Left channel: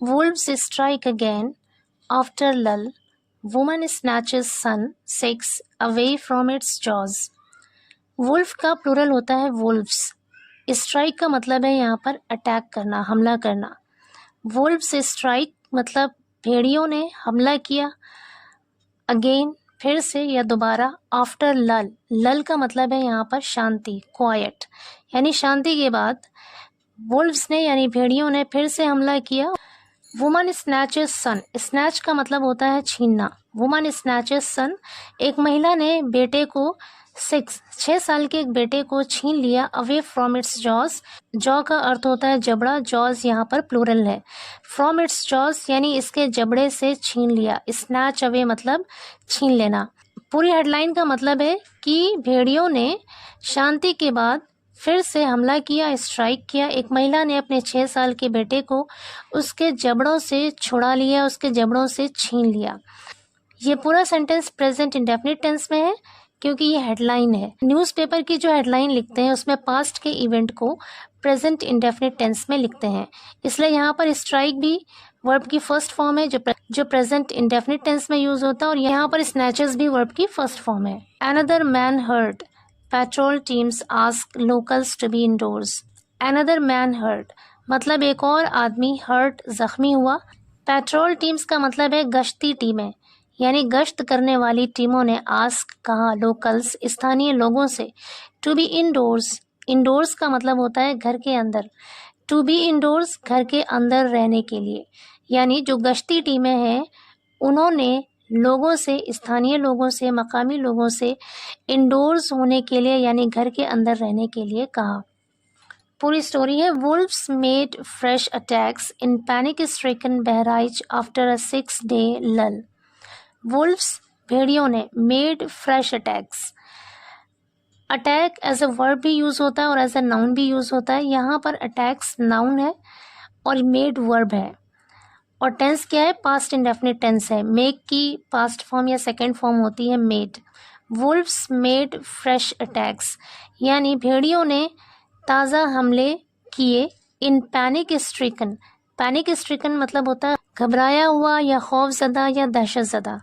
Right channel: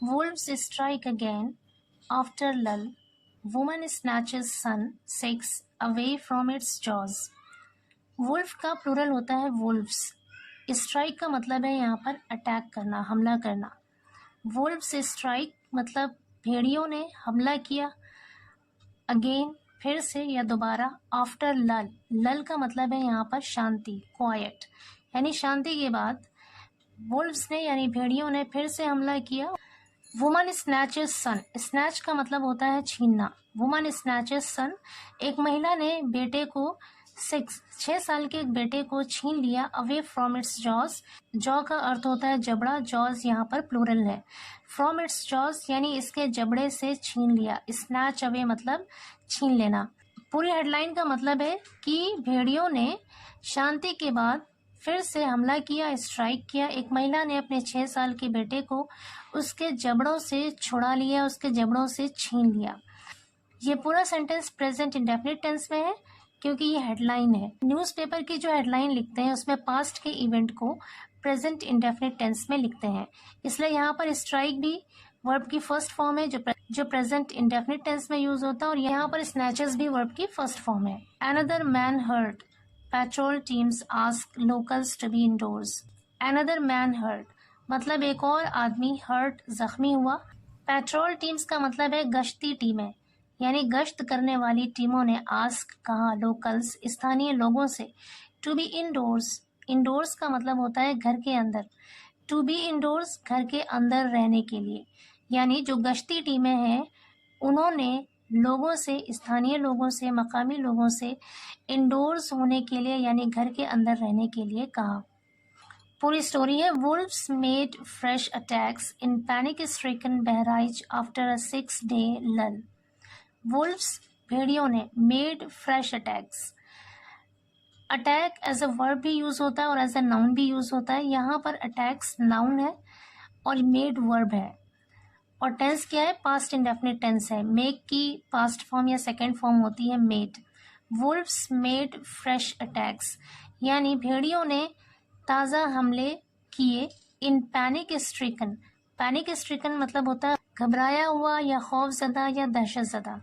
Wolves strike again after lull. Woman snatches son 6 away from its jaws. Wolf का plural होता है wolves. Strike का मतलब है यहाँ पर अटैक करना, हमला करना। वुल्फ्स स्ट्राइक मतलब भेड़ियों ने हमला किया। अगेन फिर से या दोबारा। आफ्टर लल, लल का मतलब है यहाँ पर शांति, क्वाइट, यानी शांति के बाद वुल्फ्स ने यानी भेड़ियों ने फिर से हमला किया। वुमन स्नैचेस सन, स्नैच का मतलब होता है छीनना। वुमन स्नैचेस सन, एक महिला ने बेटे को 6 साल के एक बेटे को छीन लिया। Away from its jaws, jaw का अर्थ होता है जबड़ा, जॉज यहाँ पर प्लूरल है। फ्रॉम इट्स जॉज यानी इसके जबड़े से छीन लिया। स्नैच अवे मतलब छीन लेना। पूरी हेडलाइन का मतलब है कि भेड़ियों ने शांति के बाद फिर से हमला किया, स्ट्राइक किया। एक महिला ने अपने 6 साल के बेटे को उसके जबड़ों से छुड़ा लिया, उसके जबड़ों से छीन लिया। ये पूरा सेंटेंस प्रेजेंट इंडेफिनिट टेंस में है क्योंकि ये हेडलाइन है। न्यूज़पेपर की जो हेडलाइन लिखते हैं उसमें पास्ट के इवेंट को प्रेजेंट इंडेफिनिट टेंस में लिखते हैं, इसलिए यहाँ पर स्ट्राइक भी वर्ब की फर्स्ट फॉर्म है जो प्रेजेंट इंडेफिनिट टेंस में यूज होता है, और यहाँ पर स्नैचेस भी वर्ब की फर्स्ट फॉर्म है। Another man hurt, patrol teams ask locals to be indoors. Another man hurt मतलब एक और आदमी, हर्ट जख्मी हुआ। पेट्रोल टीम्स का मतलब है गश्ती टीमें, यानी गश्त करने वाली टीमों ने आस्क कहा लोकल्स स्थानीय लोगों से, टू बी इंडोर्स, इंडोर्स का मतलब होता है घर के अंदर, टू बी इंडोर्स घर के अंदर रहने के लिए, यानी जो गश्ती टीमें हैं उन्होंने लोगों से, स्थानीय लोगों से, मकामी लोगों से इंडोर्स होने के लिए यानी घर के अंदर रहने के लिए कहा। पूरी स्टोरी है। Wolfs made fresh attacks in panic stricken Bahraich after a 6-day lull। Wolfs भेड़ियों ने, made fresh attacks, attack as a verb भी यूज होता है और एज अ नाउन भी यूज होता है। यहाँ पर अटैक्स नाउन है और मेड वर्ब है, और टेंस क्या है, पास्ट इंडेफिनिट टेंस है। मेक की पास्ट फॉर्म या सेकेंड फॉर्म होती है made. Wolves made fresh attacks यानी भेड़ियों ने ताज़ा हमले किए। इन पैनिक स्ट्रिकन, पैनिक स्ट्रिकन मतलब होता है घबराया हुआ या खौफजदा या दहशतजदा।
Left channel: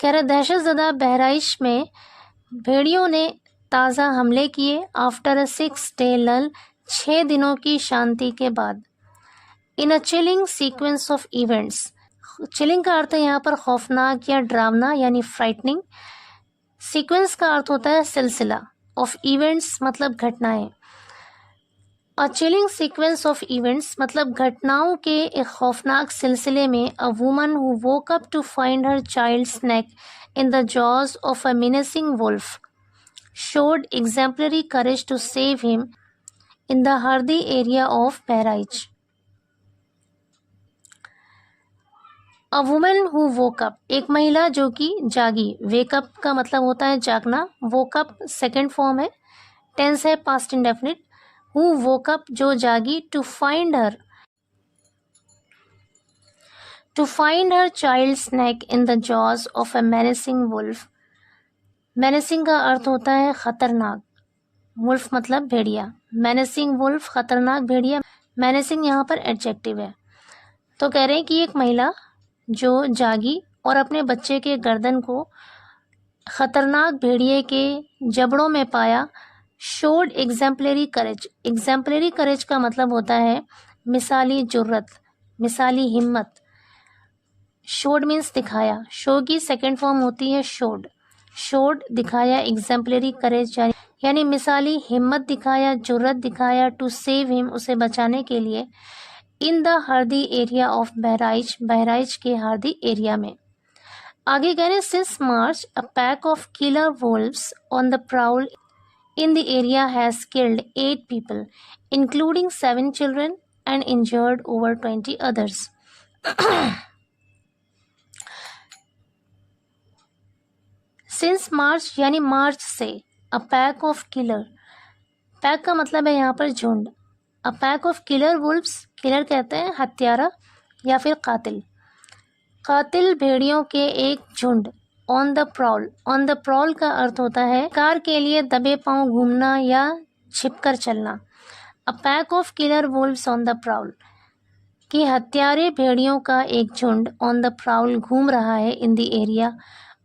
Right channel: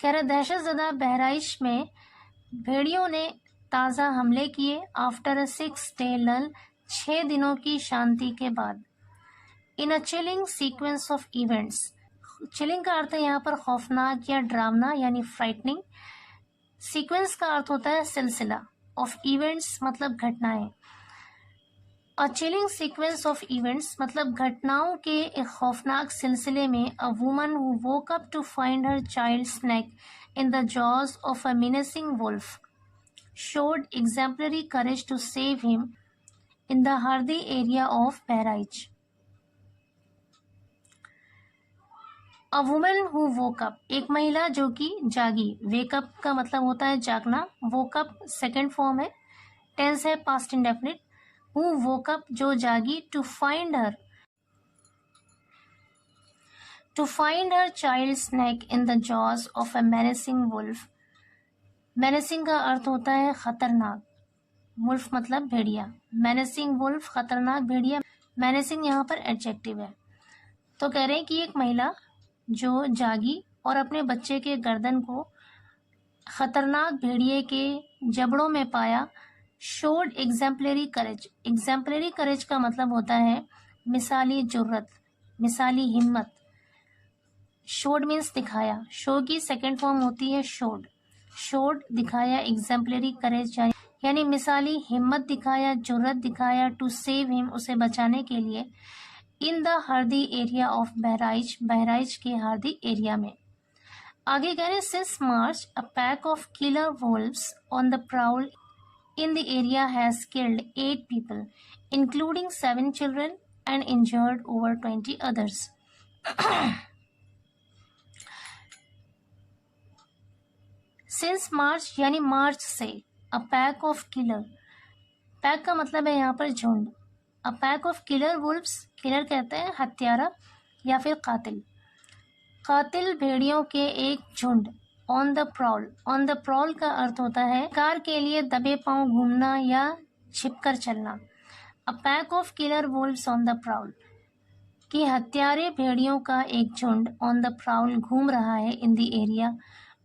कह रहे दहशतजदा बहराइच में भेड़ियों ने ताज़ा हमले किए। आफ्टर अ 6-day lull, 6 दिनों की शांति के बाद। In a chilling sequence of events, chilling का अर्थ है यहाँ पर खौफनाक या डरावना यानी फ्राइटनिंग। सीक्वेंस का अर्थ होता है सिलसिला, ऑफ इवेंट्स मतलब घटनाएं। A chilling sequence of events मतलब घटनाओं के एक खौफनाक सिलसिले में। A woman who woke up to find her child's neck in the jaws of a menacing wolf showed exemplary courage to save him in the Hardi area of Bahraich. A woman who woke up, एक महिला जो कि जागी। wake up का मतलब होता है जागना, woke up सेकेंड फॉर्म है, टेंस है past indefinite. who woke up जो जागी, to find her child's neck in the jaws of a menacing wolf। menacing का अर्थ होता है खतरनाक, वुल्फ मतलब भेड़िया। मैनेसिंग वुल्फ खतरनाक भेड़िया। मैनेसिंग यहाँ पर एडजेक्टिव है। तो कह रहे हैं कि एक महिला जो जागी और अपने बच्चे के गर्दन को खतरनाक भेड़िए के जबड़ों में पाया। शोड एग्जाम्पलरी करेज, एग्जाम्पलरी करेज का मतलब होता है मिसाली जुर्रत, मिसाली हिम्मत। शोड मीन्स दिखाया, शो की सेकेंड फॉर्म होती है शोड। शोड दिखाया, एग्जाम्पलरी करेज यानी मिसाली हिम्मत दिखाया, जुर्रत दिखाया। टू सेव हिम उसे बचाने के लिए। In the Hardi area of Bahraich, Bahraich के हरदी एरिया में। आगे कह रहे since March a pack of killer wolves on the prowl in the area has killed 8 people including 7 children and injured over 20 others। Since March यानी मार्च से। A pack of killer, pack का मतलब है यहाँ पर झुंड। A pack of killer wolves, killer कहते हैं हत्यारा या फिर कातिल, कातिल भेड़ियों के एक झुंड। On the prowl, on the prowl का अर्थ होता है कार के लिए दबे पांव घूमना या छिपकर चलना। अ pack of killer wolves on the prowl, कि हत्यारे भेड़ियों का एक झुंड ऑन द प्राउल घूम रहा है इन द एरिया,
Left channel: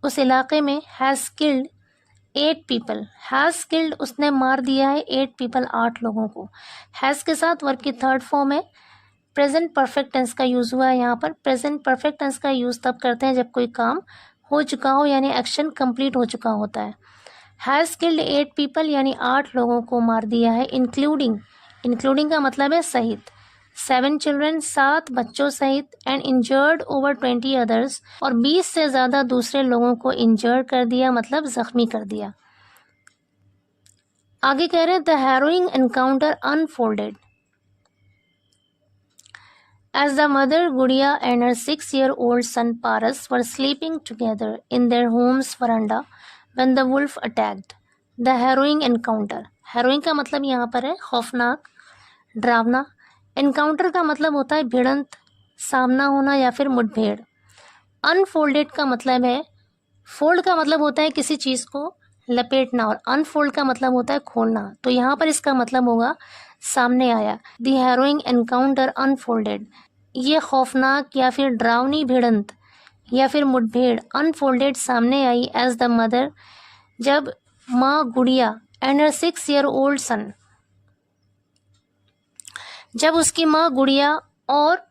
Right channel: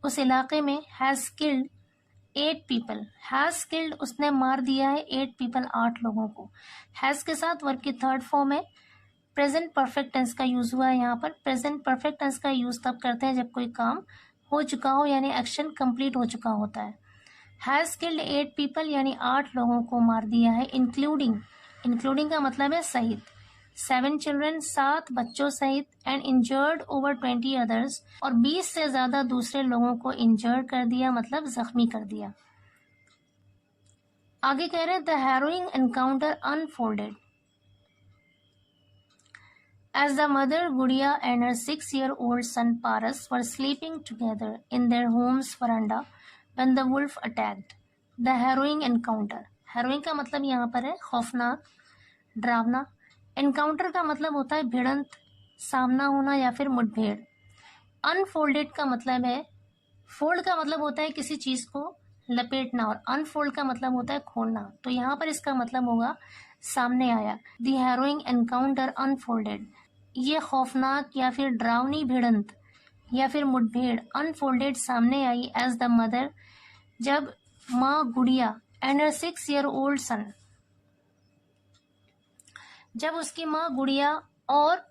उस इलाके में, has killed 8 people. Has killed उसने मार दिया है 8 पीपल 8 लोगों को। हैज़ के साथ वर्ब की थर्ड फॉर्म है, प्रेजेंट परफेक्ट टेंस का यूज़ हुआ है यहाँ पर। प्रेजेंट परफेक्ट टेंस का यूज़ तब करते हैं जब कोई काम हो चुका हो यानी एक्शन कंप्लीट हो चुका होता है। हैज़ किल्ड 8 पीपल यानी 8 लोगों को मार दिया है, इंक्लूडिंग का मतलब है सहित, 7 चिल्ड्रन 7 बच्चों सहित, एंड इंजर्ड ओवर 20 अदर्स और 20 से ज़्यादा दूसरे लोगों को इंजर्ड कर दिया मतलब ज़ख्मी कर दिया। आगे कह रहे हैं the harrowing encounter unfolded as the mother Gudiya and her 6-year-old son Paras were sleeping together in their home's veranda when the wolf attacked. The harrowing encounter. Harrowing का मतलब यहाँ पर है खौफनाक, डरावना। एनकाउंटर का मतलब होता है भिड़ंत, सामना होना या फिर मुठभेड़। अनफोल्डेड का मतलब है, फोल्ड का मतलब होता है किसी चीज़ को लपेटना और अनफोल्ड का मतलब होता है खोलना, तो यहाँ पर इसका मतलब होगा सामने आया। द हैरोइंग एनकाउंटर अनफोल्डेड, ये खौफनाक या फिर डरावनी भिड़ंत या फिर मुठभेड़ अनफोल्डेड सामने आई एज द मदर, जब माँ गुड़िया एंड हर 6-year-old सन, जब उसकी माँ गुड़िया और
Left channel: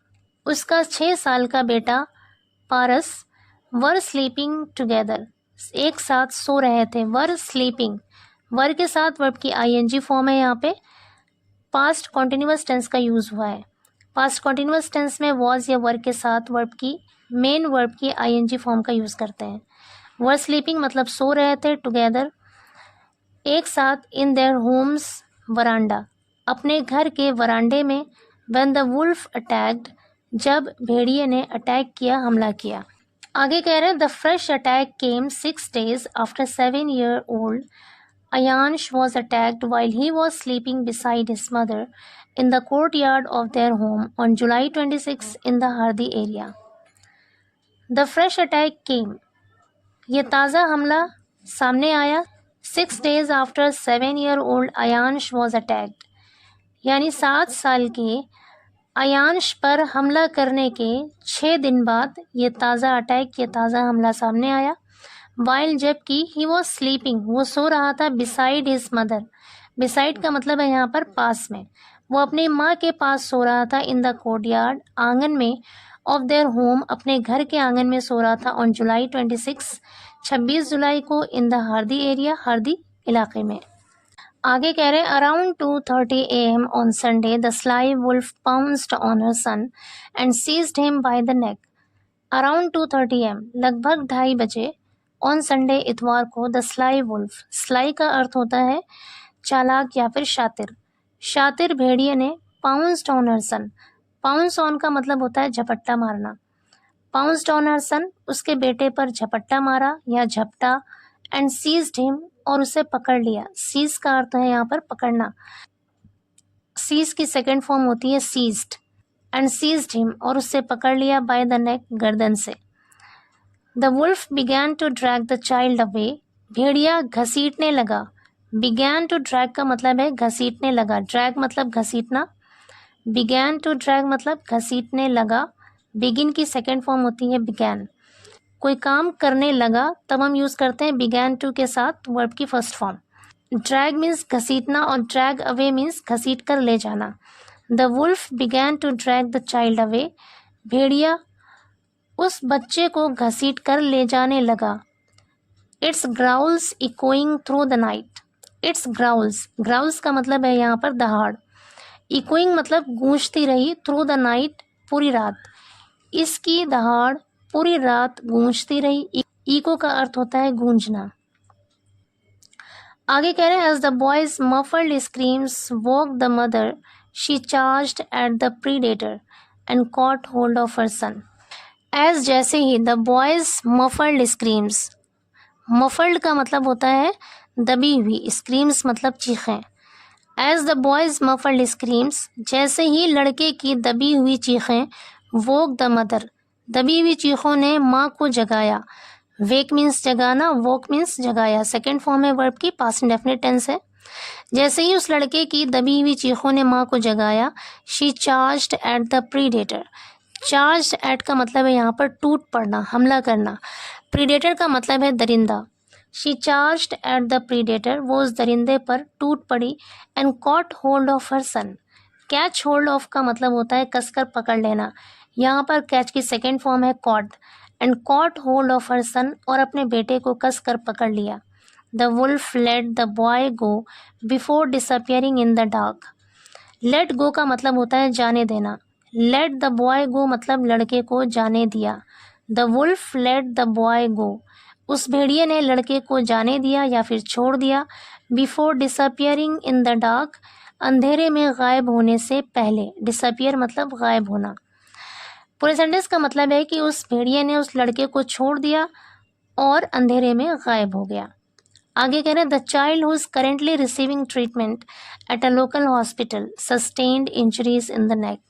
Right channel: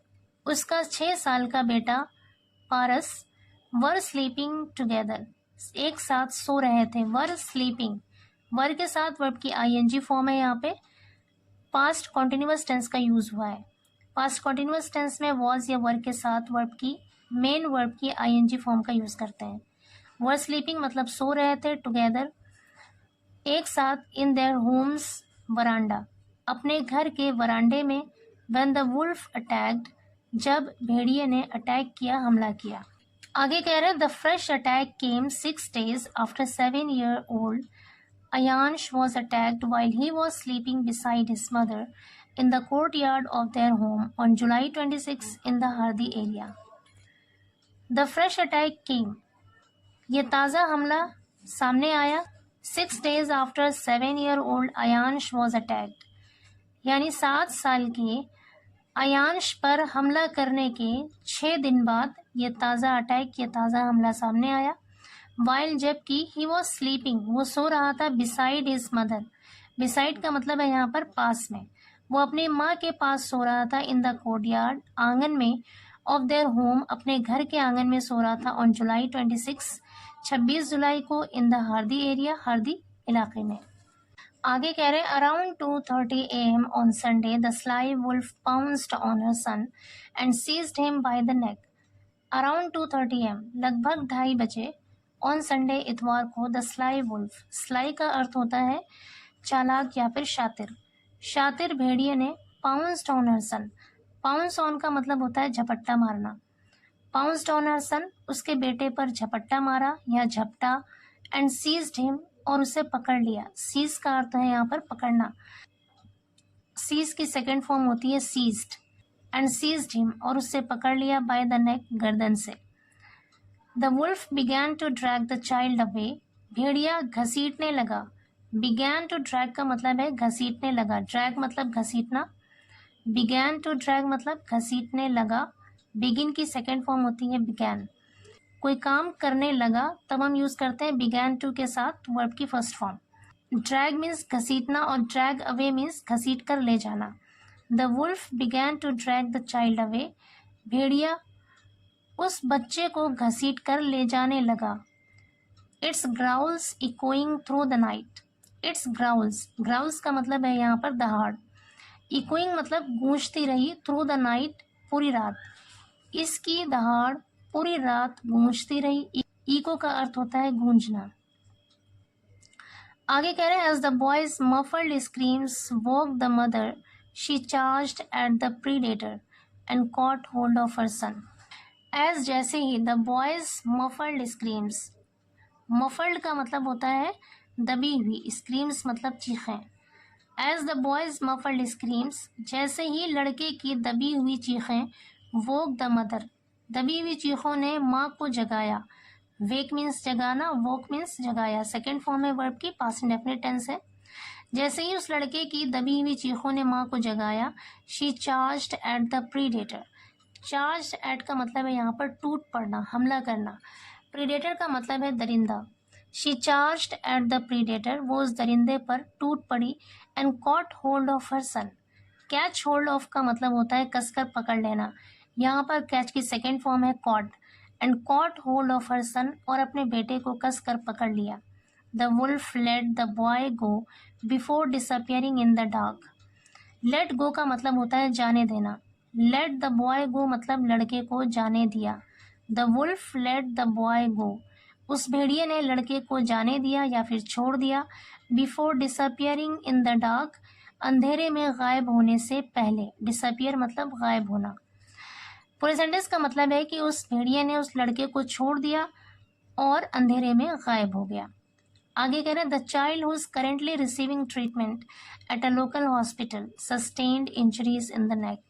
उसका 6 साल का बेटा पारस वर स्लीपिंग टुगेदर, एक साथ सो रहे थे। वर स्लीपिंग, वर के साथ वर्ब की आईएनजी फॉर्म है, यहाँ पे पास्ट कॉन्टिन्यूअस टेंस का यूज़ हुआ है। पास्ट कॉन्टिन्यूअस टेंस में वॉज या वर्ब के साथ वर्ब की मेन वर्ब की आईएनजी फॉर्म का यूज़ करते हैं। वर स्लीपिंग मतलब सो रहे थे, टुगेदर एक साथ, इन देयर होम्स वरांडा अपने घर के वरांडे में, व्हेन द वुल्फ अटैक्ड जब भेड़िए ने अटैक किया, हमला किया। आगे कह रहे हैं the fresh attack came 6 days after 7-year-old Ayansh was attacked while he was sleeping beside his mother in the courtyard of their home on July 26 in the Hardi area. The fresh attack came, ये ताज़ा हमला सामने आया 6 days after 7-year-old Ayansh was attacked, यानी 7 साल के अयांश पर हमला करने के 6 दिन बाद ये ताज़ा अटैक, ये ताज़ा हमला सामने आया। वाइल जबकि ही वॉज स्लीपिंग, वो सो रहा था, बिसाइड हिज मदर, बिसाइड का मतलब है यहाँ पर पास में, वो अपनी माँ के पास सो रहा था, इन द कोर्टयार्ड आंगन में, ऑफ देयर होम अपने घर के आंगन में सो रहा था, ऑन जुलाई 26 जुलाई को, in the Hardi area, Hardi इलाके में। आगे कह रहे हैं around 2:30 AM on Sunday the sly wolf pounced on her son and seized him by the neck. Around 2:30 AM लगभग 2:30 बजे, ऑन संडे इतवार को, द स्लाई वुल्फ, स्लाई का अर्थ होता है चालाक या फिर शातिर, शातिर भेड़िए ने pounced on her son, pounce on का मतलब होता है झपट्टा मारना, पाउंस्ड ऑन हर सन उसके बेटे पर झपट्टा मारा या झपटा, एंड सीज्ड हिम और उसे पकड़ लिया। सीज का अर्थ है यहाँ पर पकड़ना, सीज की सेकंड फॉर्म होती है सीज्ड, एंड सीज्ड हिम और उससे पकड़ लिया, बाय द नेक गर्दन से। The wolf began to drag the child away, भेड़िया घसीटने लगा, बिगैन टू ड्रैग का मतलब है घसीटने लगा, ड्रैग मतलब घसीटना, बिगैन टू ड्रैग मतलब घसीटने लगा, बिगिन की सेकंड फॉर्म होती है बिगैन, कोई काम करने लगा तब हम यूज़ करते हैं बिगैन टू के साथ वर्ब की फर्स्ट फॉर्म। ड्रैग मीन्स घसीटना और ड्रैग अवे मीन्स घसीट कर ले जाना। The wolf began to drag the child away, भेड़िया उस बच्चे को घसीट कर ले जाने लगा। Its growls echoing through the night, its growls, growls का मतलब है यहाँ पर दहाड़, इकोइंग मतलब गूंजती रही, थ्रू द नाइट पूरी रात, इसकी दहाड़ पूरी रात गूंजती रही, इको का अर्थ होता है गूंजना। आगे कह रहे हैं as the boy's muffled screams woke the mother she charged at the predator and caught hold of her son. As जैसे ही, the boy's muffled screams, muffled का मतलब होता है दबी हुई, स्क्रीम्स मतलब चीखें। As the boy's muffled screams, जैसे ही लड़के की दबी हुई चीखें, वोक द मदर, दबी हुई चीखों ने माँ को जगाया। वेक मीन्स जगाना, वोक मीन्स जगाया, सेकेंड फॉर्म है वर्ब की, पास्ट इंडेफिनिट टेंस है। जैसे ही उस लड़के की दबी हुई चीखों ने माँ को जगाया, she charged at the predator. Charged at का मतलब है यहाँ पर टूट पड़ना, हमला करना। प्रीडेटर का मतलब है दरिंदा। She charged at the predator, वो उस दरिंदे पर टूट पड़ी। And caught hold of her son. Catch hold of का मतलब होता है कसकर पकड़ लेना। यहाँ पर कैच की सेकेंड फॉर्म है caught. And caught hold of her son, और अपने बेटे को कसकर पकड़ लिया। The wolf let the boy go before disappearing in the dark. Let go का मतलब होता है जाने देना। लेट द बॉय गो मतलब लड़के को जाने दिया। The wolf let the boy go, उस भेड़िए ने लड़के को जाने दिया या फिर छोड़ दिया। Before disappearing in the dark, अंधेरे में गायब होने से पहले। डिसअपियर मतलब गायब होना। पूरे सेंटेंस का मतलब है कि उस भेड़िए ने उस लड़के को छोड़ दिया और अंधेरे में गायब हो गया। आगे कह रहे हैं the child who is currently receiving treatment at a local hospital sustained injuries in the neck.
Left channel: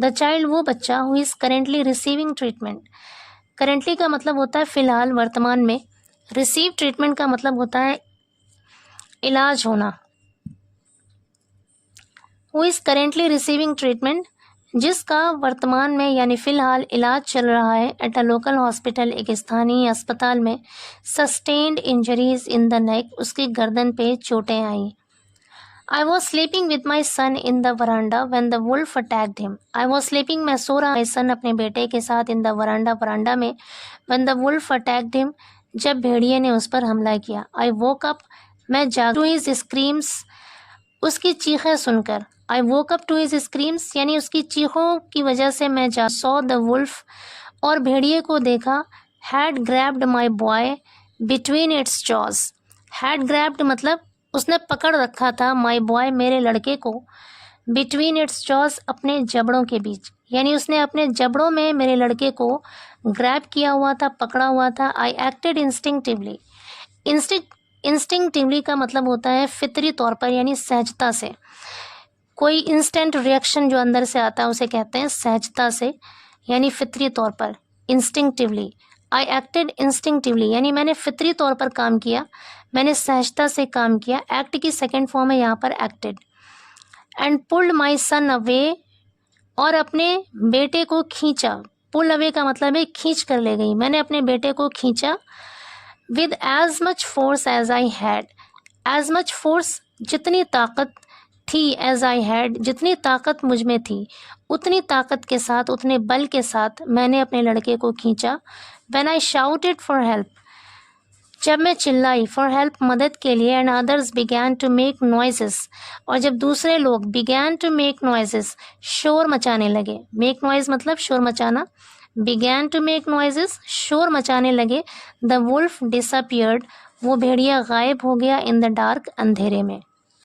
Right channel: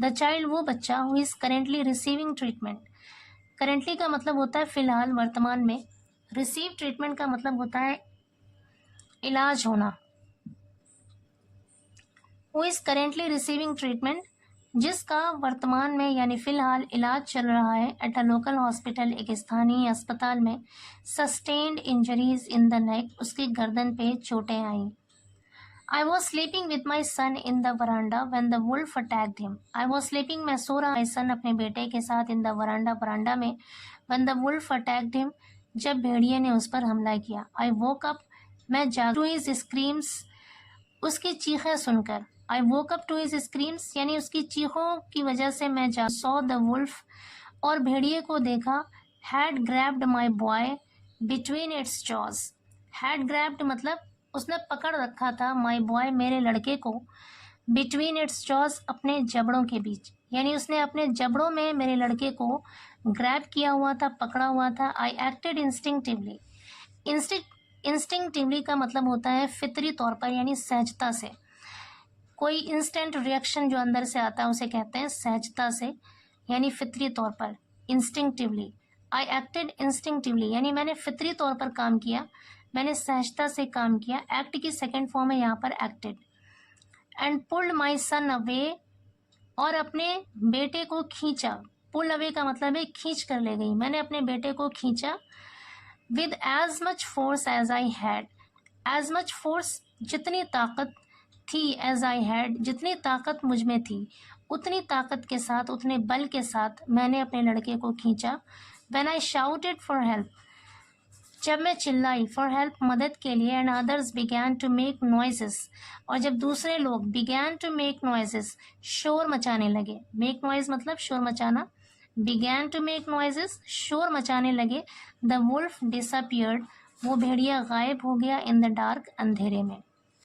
The child वो बच्चा who is currently receiving treatment. Currently का मतलब होता है फिलहाल, वर्तमान में। रिसीव ट्रीटमेंट का मतलब होता है इलाज होना। Who is currently receiving treatment, जिसका वर्तमान में यानी फिलहाल इलाज चल रहा है। एट अ लोकल हॉस्पिटल, एक स्थानीय अस्पताल में। Sustained injuries in the neck, उसकी गर्दन पे चोटें आई। I was sleeping with my son in the veranda when the wolf attacked him. I was sleeping, मैं सो रहा, my son अपने बेटे के साथ in the veranda, वरांडा में। When the wolf attacked him, जब भेड़िए ने उस पर हमला किया। I woke up, मैं जाग, to his screams, उसकी चीखें सुनकर। I woke up to his screams, यानी उसकी चीखों की वजह से मैं जाग। Saw the wolf, और भेड़िए को देखा। Had grabbed my boy between its jaws. Had grabbed मतलब उसने पकड़ रखा था। माई बॉय, मेरे लड़के को। बिटवीन इट्स जॉज, अपने जबड़ों के बीच, यानी उसने अपने जबड़ों में मेरे लड़के को ग्रैब किया हुआ था, पकड़ा हुआ था। आई एक्टेड इंस्टिंक्टिवली। इंस्टिंक्टिवली का मतलब होता है फितरी तौर पर, यानी सहजता से। कोई इंस्टेंट रिएक्शन जो अंदर से आता है उसे कहते हैं सहजता से, यानी फितरी तौर पर। इंस्टिंक्टिवली, आई एक्टेड इंस्टिंक्टिवली, यानी मैंने फितरी तौर पर काम किया, मैंने सहजता से काम किया। एक्ट की सेकेंड फॉर्म है यहाँ पर acted. And pulled my son away, और अपने बेटे को खींचा। पुल अवे का मतलब है खींच कर ले गई, मैंने अपने बेटे को खींचा। With as much force as I had. As much force, जितनी ताकत थी। एज आई हैड, जितनी ताकत मुझ में थी, उतनी ताकत के साथ, उतने बल के साथ मैंने अपने लड़के को खींचा। When I shouted for help, जब मैं चिल्लाई, फॉर हेल्प, मदद के लिए। And others began to make noises, और जब दूसरे लोग बिगैन टू मेक नॉइजेस, शोर मचाने लगे। मेक नॉइज मतलब शोर मचाना। बिगैन टू मेक नॉइजेस, शोर मचाने लगे। द वुल्फ डिसअपियर्ड, वो भेड़िया गायब हो गया। इन द डार्क, अंधेरे में।